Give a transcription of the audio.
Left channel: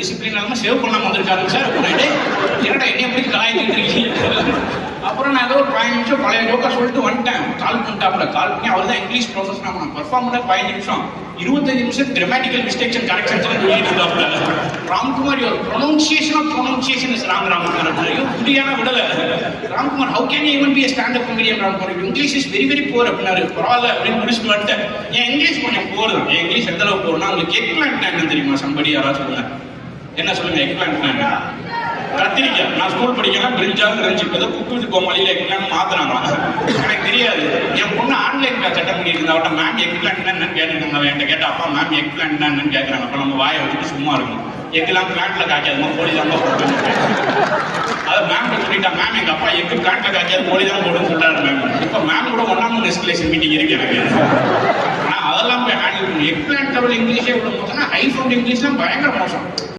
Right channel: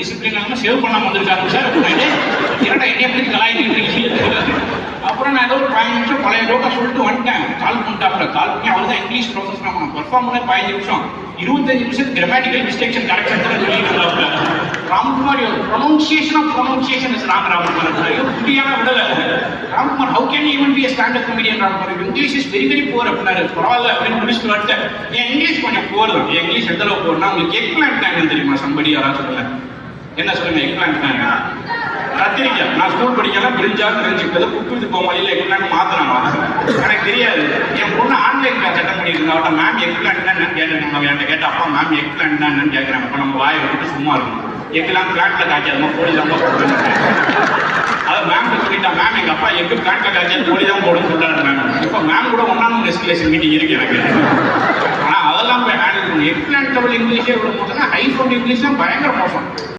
Discipline இல்லாமல் save பண்ணாம வந்திருக்காங்க சார். என்னடா என்னைய எப்படி கலாய்க்கிட்டு இருக்கீங்க? அப்புறம் நான் ஏதோ ஒரு 5 நிமிஷம் பழைய லோக்கா சொல்லிட்டு வந்துட்டேன். கால் பண்ணிட்டாப்ல. கால் பண்ணி அவர் தான் இங்கிலீஷ் ப்ரொஃபஸர். நான் பெர்ஃபார்ம் பண்ண 15 நிமிஷம் 25% கிராமட்டிக்கல் மிஸ்டேக்ஸ் அண்ட் கரெக்ஷன்ஸ் சொல்லிட்டு இருந்தாப்ல. Ramkumar pronunciation is wrong. Ramkumar புரியாம விடல. Ramkumar how can even be standard comedian? Ramkumar English is very very poor அப்படின்னாரு. பரவாயில்ல அப்படின்னு முடிச்சுட்டு வந்துட்டேன். என் இங்கிலீஷ் கொஞ்சம் புவர் தான். என் இங்கிலீஷ் எந்த அளவுக்கு போறனா உங்களுக்கு எக்லாண்ட் பிளான் தெரியுமா? சம்படி யாராவது சொல்லுங்க. என்ன சொல்லுங்க எக்லாண்ட் பிளான்? கத்திரிக்காய். நான் ஸ்கூல் படிக்கலாம் பிரிஞ்சால் தெரிஞ்சுக்கிட்டது குக்கு வித் கோமாளியில் எக்லாண்ட் மாத்தினாங்க. எனக்கு தெரியாது. என் பொண்ணு ஆன்லைன் கிளாஸ் அட்டன் பண்ணிட்டு இருந்தா அவட்ட மேம் எக்லாண்ட் என்னன்னு கேட்டுருக்காங்க. அவன் என்கிட்ட கேட்ட அப்பா மேம் எக்லாண்ட் என்னன்னு கேட்கறாங்க. அப்ப நம்ம வாயை வந்துட்டு சும்மா இருக்கும். எக்லாம் பிளாட்ல காய்க்காதுமா போலி தான் போடுறாங்க. அதை மேம் சொல்லிட்டா மேம் எங்க அப்பா எக்கு பிளாட்ல காய்க்காது போலி தான் போடுன்னு சொல்றாரு மேம். இப்ப மேம் கூட 1-on-1 எஸ்கலேஷன் மீட்டிங் இருக்கு எனக்கு. ஆனா அதெல்லாம் போய் ஹேண்டில் பண்ணி எக்லாண்ட் லெவல் இங்கிலீஷே மோசம்னா ஹை ஃபவுண்ட் இங்கிலீஷ்லாம் பயங்கர மோசம்.